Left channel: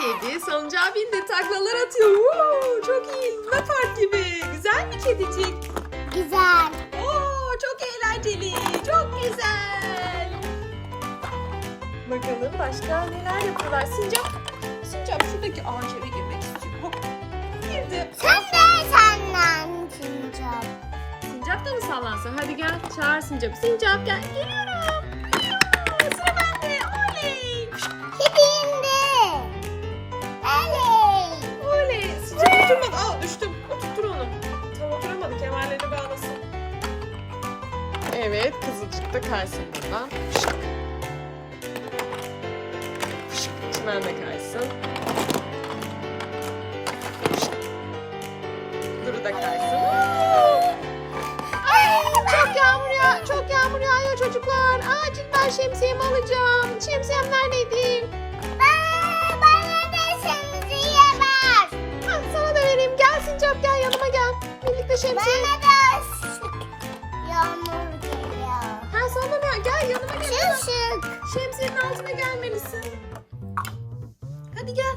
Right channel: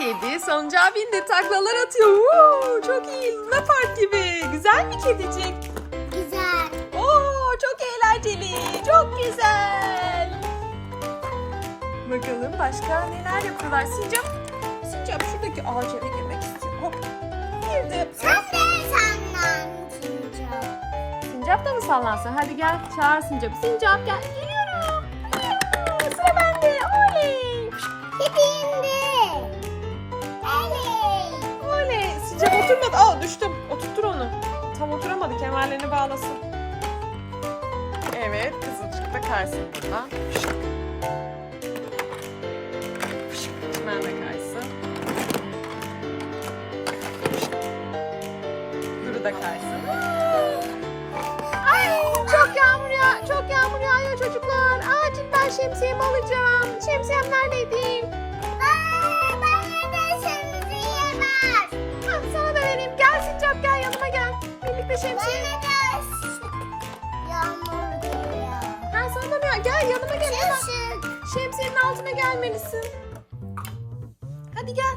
Kedi salıncağa bindi taklalar atıyor. Woo, çok iyi. Luna Park gibi. Güzel bir kedicik. Güzel. Oo, çok eğlenceli. Çok güzel. Bakalım başka neler yapıyorlar. Sincap, Sincap şuradaki ağaca eve girmek istiyor. Hop. Girdi. Sen de senden çıkacağım. Sincap da mı sallansın? Hadi gel çağır Sincap. Sincap gel. Geliyorum. Düştüm. Oturtur onu. Tam oturamadı. Kemerlerini bağlasın. Evet. Kızılcık da kaysın buradan. Çimen de kaysın. Duru da kaysın. Ay çok yağmur ya. Çok yağmur yağıyor çocuklar. Acil ben şemsiyemi alacağım. Şemsiyem neredeydi? Şemsiye. Bana da yağmur geliyor. Ha sana da ver. Gel yanıma gel. Işık. Şemsiyenin altına gelmelisin. Hadi gel.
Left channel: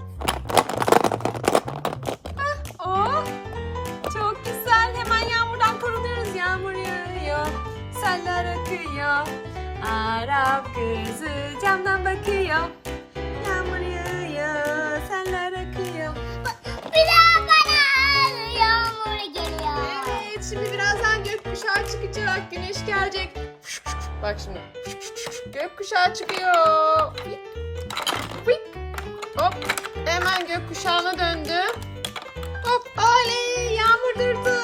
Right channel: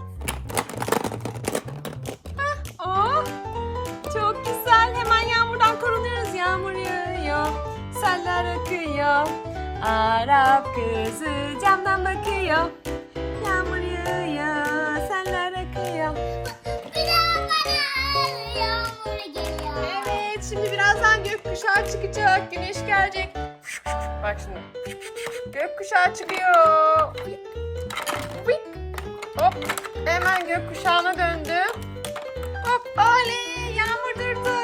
Ah, oh. Çok güzel. Hemen yağmurdan korunuyoruz. Yağmur yağıyor. Seller akıyor. Arap kızı Şimdi birazdan gökkuşağı çıkacak, güneş gelecek. Bak şimdi. Gökkuşağı çıkıyor. Hop, hemen gökkuşağına döndü. Hop, oley, yağmur durdu.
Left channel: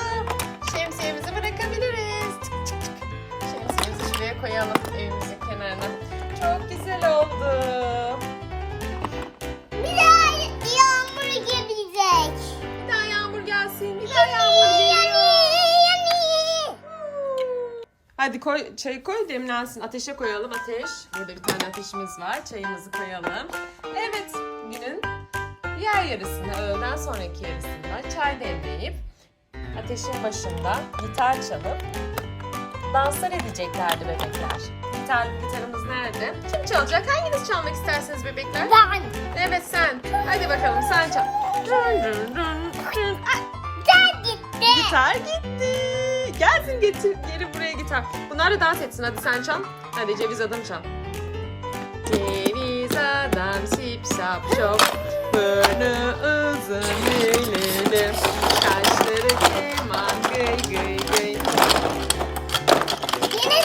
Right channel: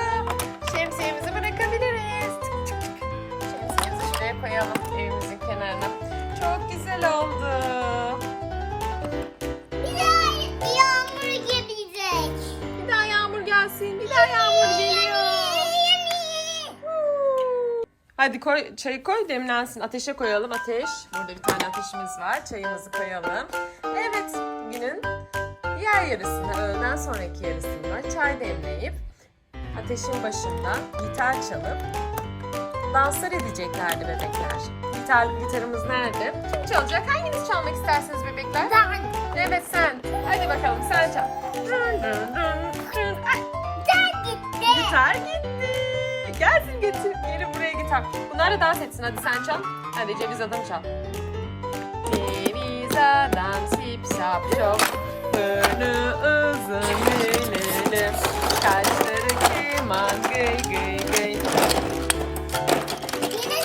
Şemsiyemizi bırakabiliriz. Şemsiyemizi şuraya koyalım evimizin kenarına. Çok güzel oldu. Hadi koy, çayı koy demlensin. Ateşe koyalım ateş. Burada bir tane ateşimiz var. Çayımızı koyalım. Evet günün diğer yarısında öğleden sonraki yarısında çay demleyip ateşin başında gitar çalıp danslar edeceklerdi bebekler. Gitar, gitarımız nerede? Kim çalacak? Hanginiz çalmak istersiniz bebekler? Ben. Evet sen. Hadi bakalım sen çal. Dün dün dün dün. Ay, Gel gitti. Gitar gitti. Gelsin getir. Geri buraya gitar. Bunlar da dans etsin. Hadi sen çal. Hadi ceviz adam çal. Ceviz adam sip sap şop. Burnu uzun lülülü. Kaşları keman gıy gıy gıy.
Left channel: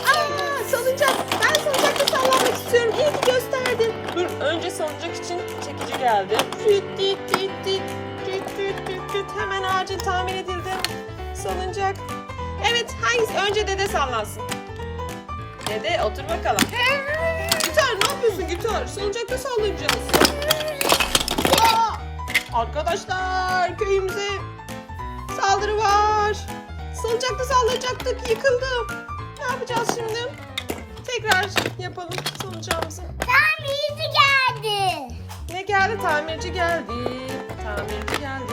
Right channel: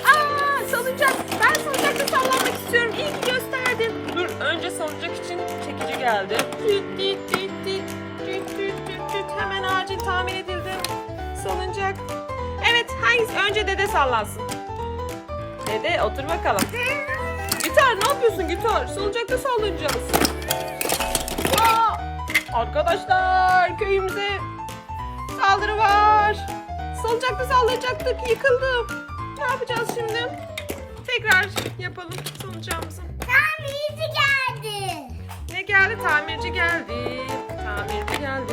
Aa salıncak. Ben salıncakta sallanmak istiyorum. İyi ki gösterdin. Dur önce salıncak için çekici geldi. Tüt tüt tüt tüt. Tüt tüt tüt tüt. Hemen acil tamir edildi. Salıncak. Evet hangisi? Önce dede sallansın. Dede otur bakalım. Gitar ne yapıyorsun gitar? Salıncakta sallanacağız. Aa, arkadaşlar köyümüze saldırı var. Salıncakta sallayacaktık yıkıldı. Ne yapacağız şimdi? Tekrar yapalım salıncağımızı. tamirci geldi. Ne geldi? Tamirci geldi. Tamirci geldi.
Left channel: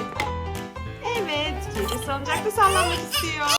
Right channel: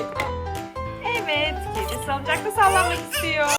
Evet, kedi salıncakta sallanmak istiyor.